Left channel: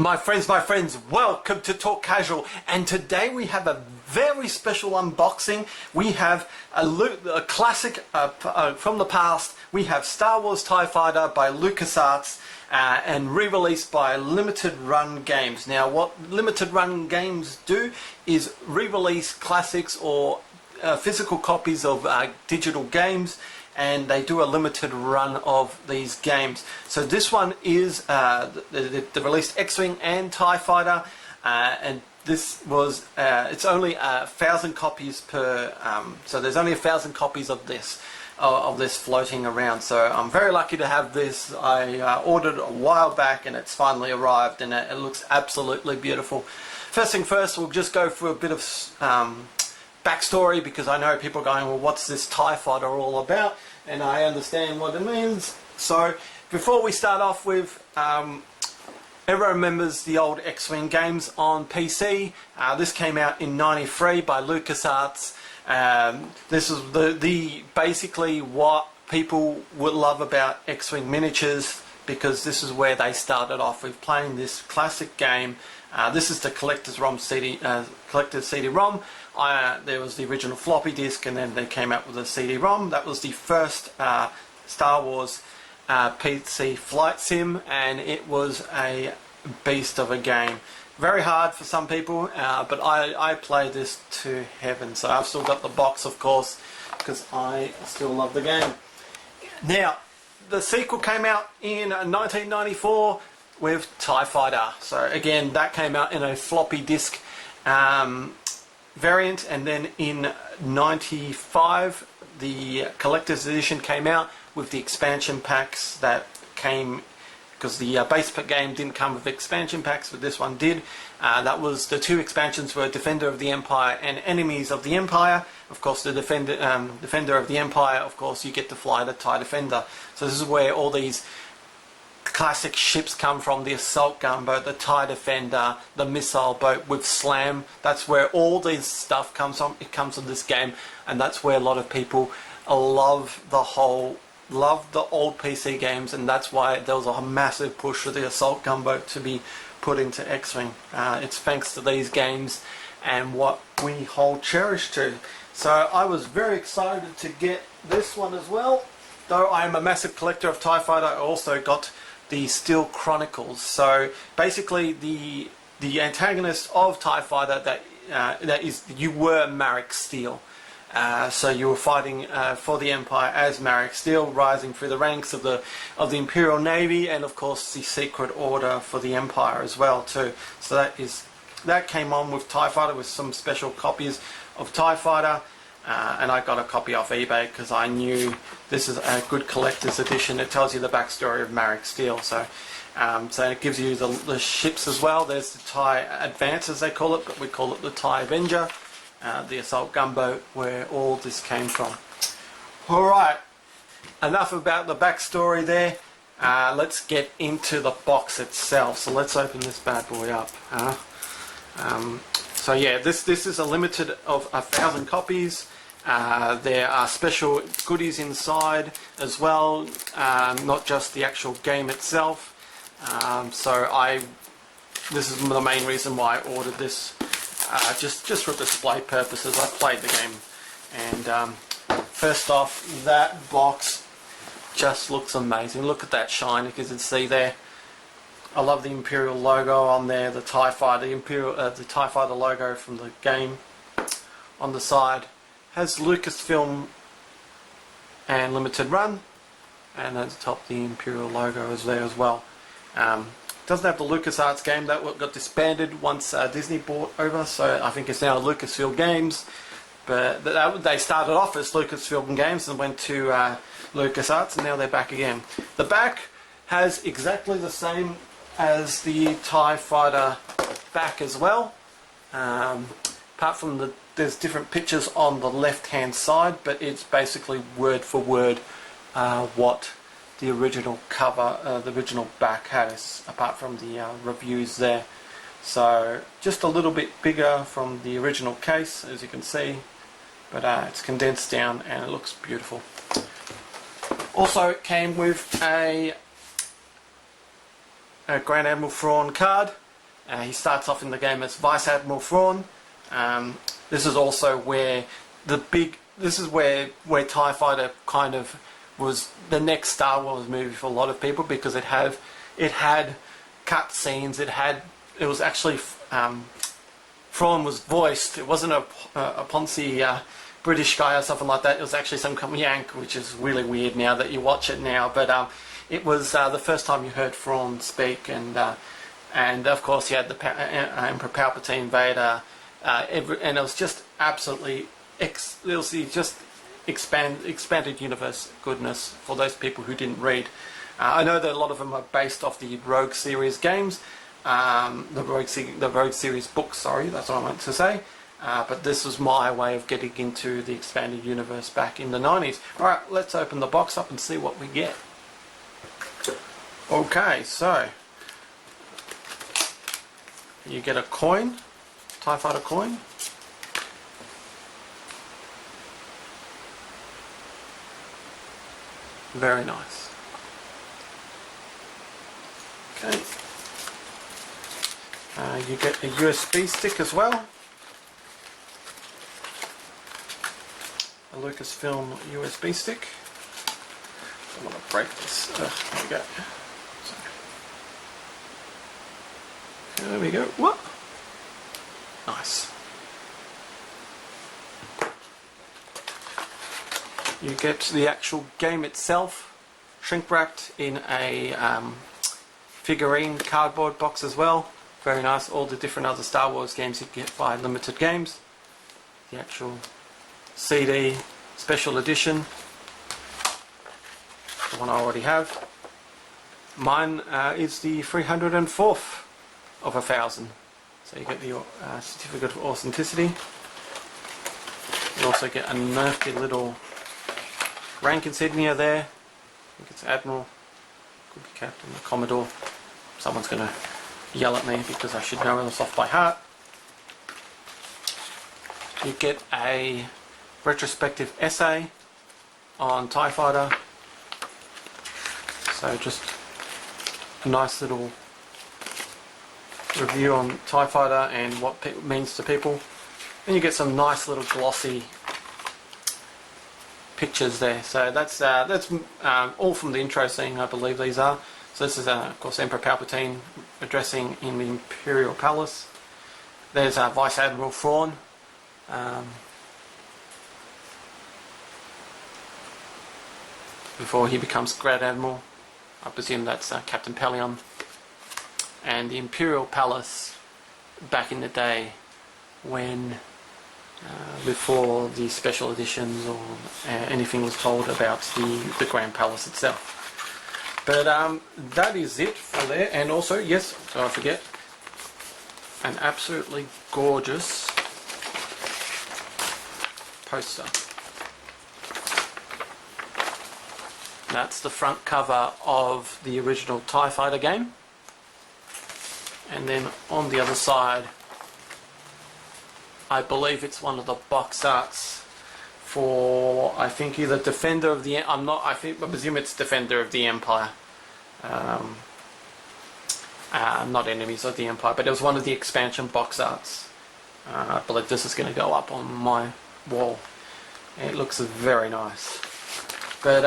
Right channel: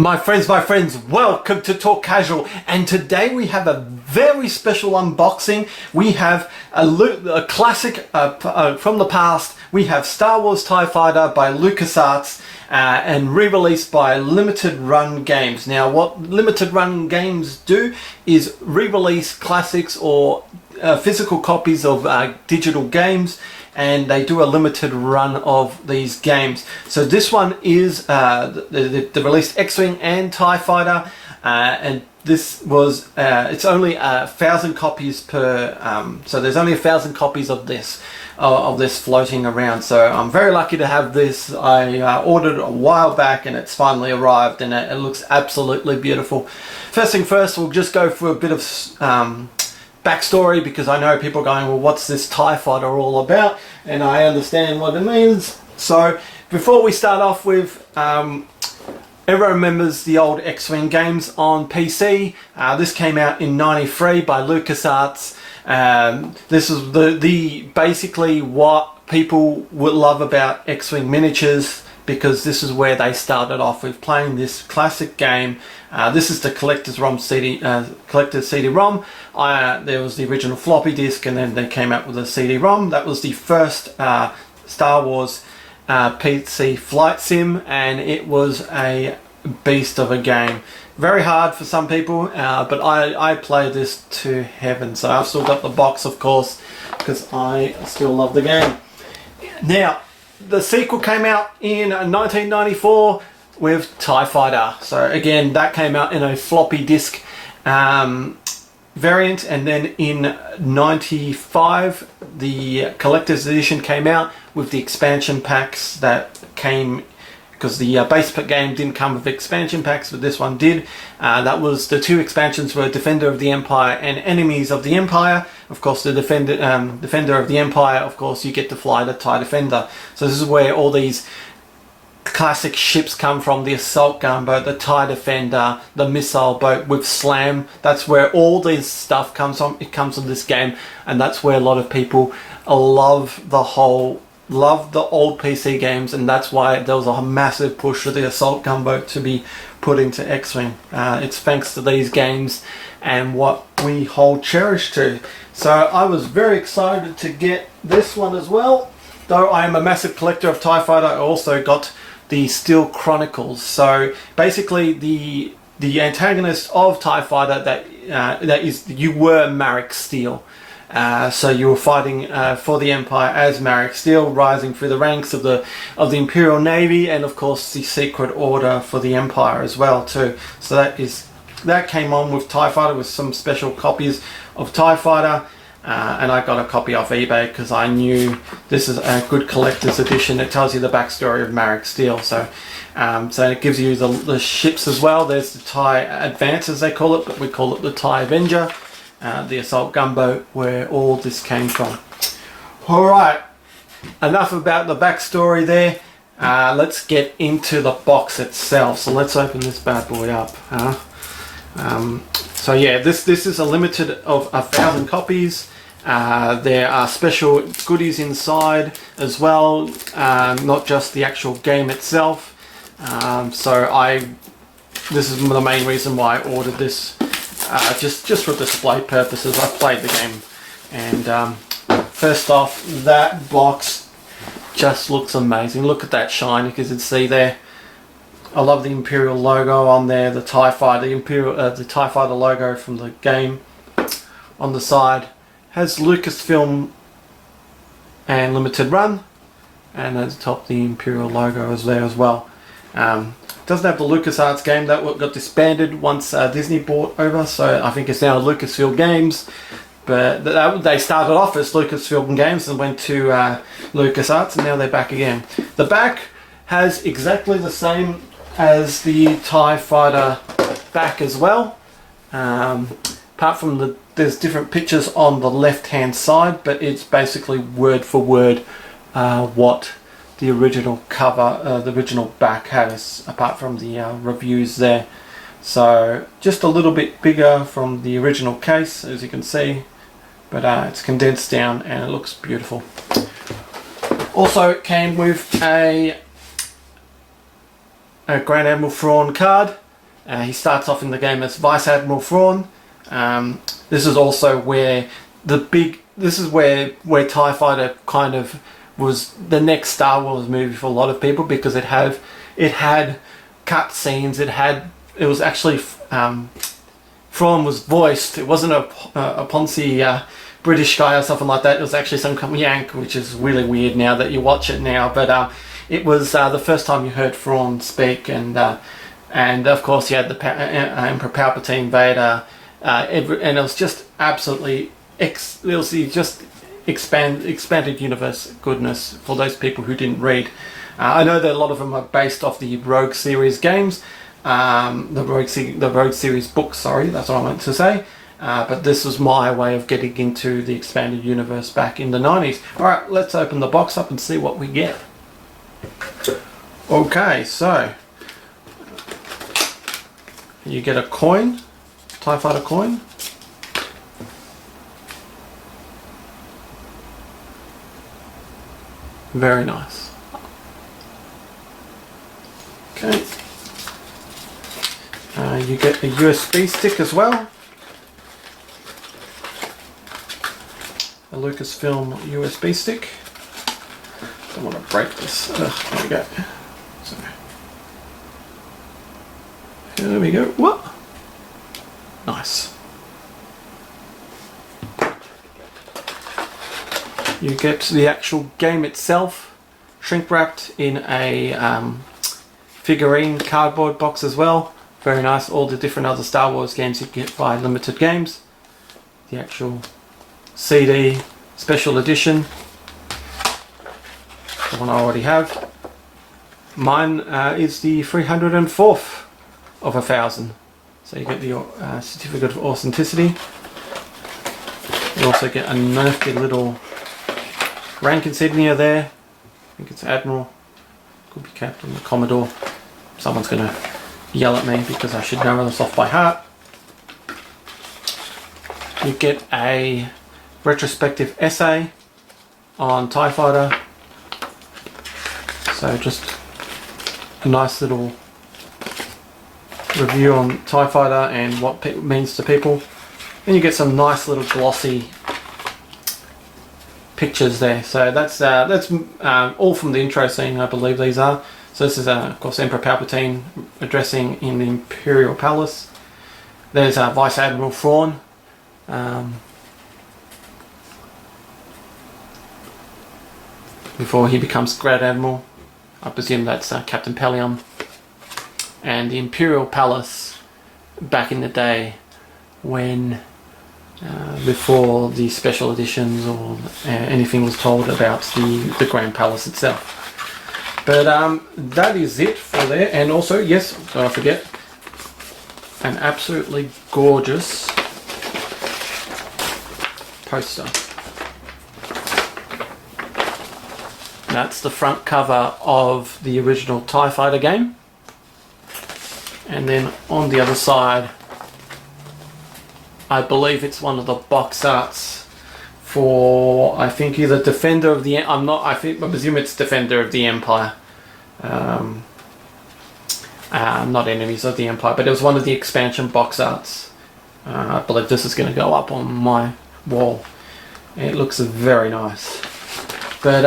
My friends, welcome to Talk Casual, and today we have a very special unboxing. We have a classic from the past. We have Star Wars TIE Fighter by LucasArts and re-released by Limited Run Games. Now what Limited Run Games do is re-release classics or physical copies of digital games, and they do a limited run of these games. So this one is they released X Wing and TIE Fighter, and this was it's only 1,000 copies per so there's only 1,000 copies of this floating around. So I'm very lucky to have this. I ordered a while back and it's finally arrived, and it looks absolutely beautiful. First thing first, we'll just go through a bit of backstory, because I know people are going, well, what's this TIE Fighter all about? And I understand what it means. So before we start off with, everyone remembers the old X Wing games on PC. This came out in '93 by LucasArts. This is the basically what people would love about X Wing miniatures, because this is where they started off with playing this classic game. This is the collector's CD-ROM. There was the original floppy disk, and then they came out with a CD-ROM. That was the first Star Wars PC flight sim, and it was a beast of a game. Very hard for some people, but I played this to heaven. So I've still got the box, of course, because I still love the game. Now, the sequel came out in 1994 with TIE Fighter. So again, that came out in a floppy disk variant, and then in '95 the collector's edition came out with the expansion packs that came, because the base game didn't come with expansion packs, but this one did. That was, the two expansions were Defender of the Empire and Enemies of the Empire. Of course, the Defender of the Empire, of course, you get to fly the TIE Defender. So this is where all these classic ships come from: the assault gunboat, the TIE Defender, the missile boat with slam. That's where all this stuff comes from. It comes from this game, and that's where a lot of people love the old PC games, and that's why there was a massive push for the assault gunboat to be put into X Wing. It's thanks to these games and what we hold cherish to. So I was very excited to get this one as well. Though I am a massive collector of TIE Fighter, I also got the Steel Chronicles. So basically the antagonist of TIE Fighter, you were Marek Steel. So you were fighting for the Empire as Marek Steel, rising through the ranks of the Imperial Navy, and of course the Secret Order for the Empire as well too. So that came on with TIE Fighter, with some special copies of TIE Fighter. And I got a copy off eBay because I knew this is a good collector's edition. It tells you the backstory of Marek Steel. So it gives you the ships as well. There's the TIE Advance, as they call it, but we call it the TIE Avenger, the assault gunboat, where all this came from. Alright, enough about the backstory there. Let's get into the box itself. So let's open this bad boy up. So yeah, this is a limited of 1,000 copies. There are special goodies inside as well, not just the actual game itself. This is the main reason why I ordered this, just for display purposes. I played the game, and first off, that box just looks amazing. Look at that shine, you can see there. I love the Imperial logo on there, the TIE Fighter, the TIE Fighter logo from the game on the side. Has Lucasfilm and Limited Run, and at the top the Imperial logo is there as well. Doesn't have the LucasArts game, that got disbanded once Disney bought over, so I think it's now Lucasfilm Games. But they started off as Lucasfilm Games and went to LucasArts, and now they're back again. The back has exactly the same as the TIE Fighter back as well, apart from there's different pictures on the left hand side, but it's basically word for word what the original cover, the original back has, apart from the reviews there. So just a little bit bigger from the original case, as you can see, but it's condensed down and it looks beautiful. Also, it came with a Grand Admiral Thrawn card, He starts off in the game as Vice Admiral Thrawn. This is also where this is where TIE Fighter kind of was the next Star Wars movie for a lot of people, because it had cut scenes. It was actually Thrawn was voiced. It wasn't a Ponzi British guy or something like that. It was actually some kind of Yank, which is really weird now that you watch it now. But it was the first time you heard Thrawn speak, and of course you had the Emperor Palpatine, Vader, and it was just absolutely expanded universe goodness for those people who didn't read. I know that a lot of them are based off the Rogue series games, the Rogue series books. Sorry, that's what I meant to say. But this was my way of getting into the expanded universe back in the 90s. Alright, let's open the box up and see what we get. Okay, so you get a coin, TIE Fighter coin. Very nice. Okay. You get a USB stick as well. A Lucasfilm USB stick. Don't want to break this. There we go. So, there we go. What? Nice. You get the actual game itself, shrink wrapped in a figurine cardboard box as well. Very nice. All the different other Star Wars games you get by Limited Games. The actual CD special edition, the one I already have. Mine is the 304th of 1,000. So you get the certificate of authenticity. You also get a nifty little rank insignia there. I think it's Admiral, could be Captain, the Commodore. Someone's going to yell at me because I should know this off by heart. You get a retrospective essay on TIE Fighter. So just a nice little review on TIE Fighter and what it means to people. And you get some nice little glossy pictures there. So that's all from the intro scene, I believe these are. So this is of course Emperor Palpatine addressing in the Imperial Palace. There's Vice Admiral Thrawn. Before he becomes Grand Admiral. I presume that's Captain Pelion. And the Imperial Palace back in the day when before the special editions or anything was told about the Grand Palace itself. But that is it for there. And also, yes, don't forget, an absolutely gorgeous poster. That's the front cover of the original TIE Fighter game. And then on the other side, I believe it's one of the box arts for, I think, either Defender of the, I presume it's Defender of the Empire. Not Enemies of the Empire, but it was one of the expansion box arts. I believe this is going to go up on my wall. It looks very nice. But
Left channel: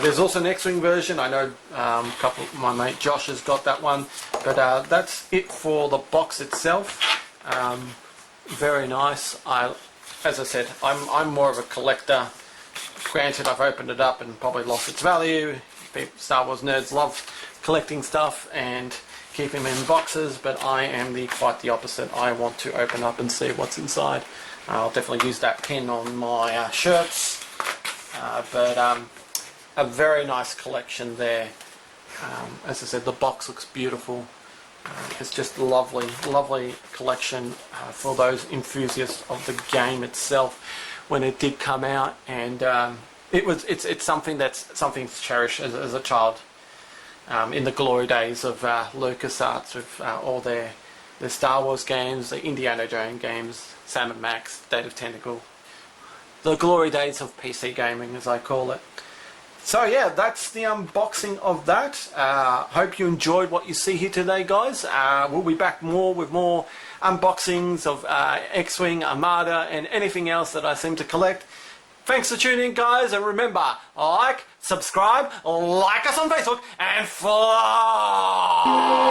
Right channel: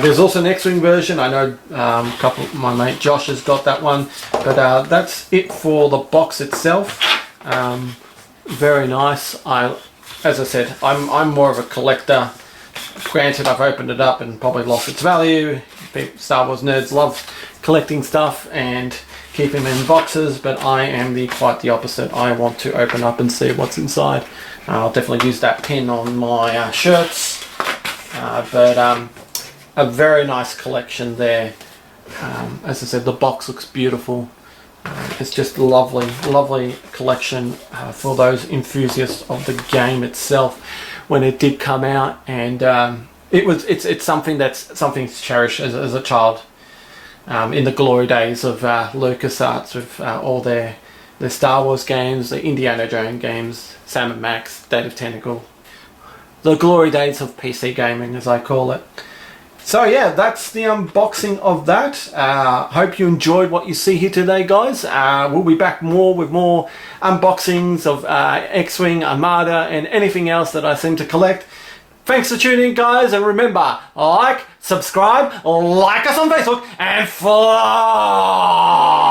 there's also an X Wing version. I know a couple of my mate Josh has got that one. But that's it for the box itself. Very nice. As I said, I'm more of a collector. Granted, I've opened it up and probably lost its value. Star Wars nerds love collecting stuff and keeping them in boxes, but I am quite the opposite. I want to open up and see what's inside. I'll definitely use that pin on my shirts. But a very nice collection there. As I said, the box looks beautiful. It's just a lovely collection for those enthusiasts of the game itself when it did come out, and it's something to cherish as a child. In the glory days of LucasArts with all their Star Wars games, the Indiana Jones games, Sam & Max, Date of Tentacle, the glory days of PC gaming, as I call it. So yeah, that's the unboxing of that. Hope you enjoyed what you see here today, guys. We'll be back with more unboxings of X Wing, Armada, and anything else that I seem to collect. Thanks for tuning in, guys, and remember, like, subscribe, like us on Facebook, and fly!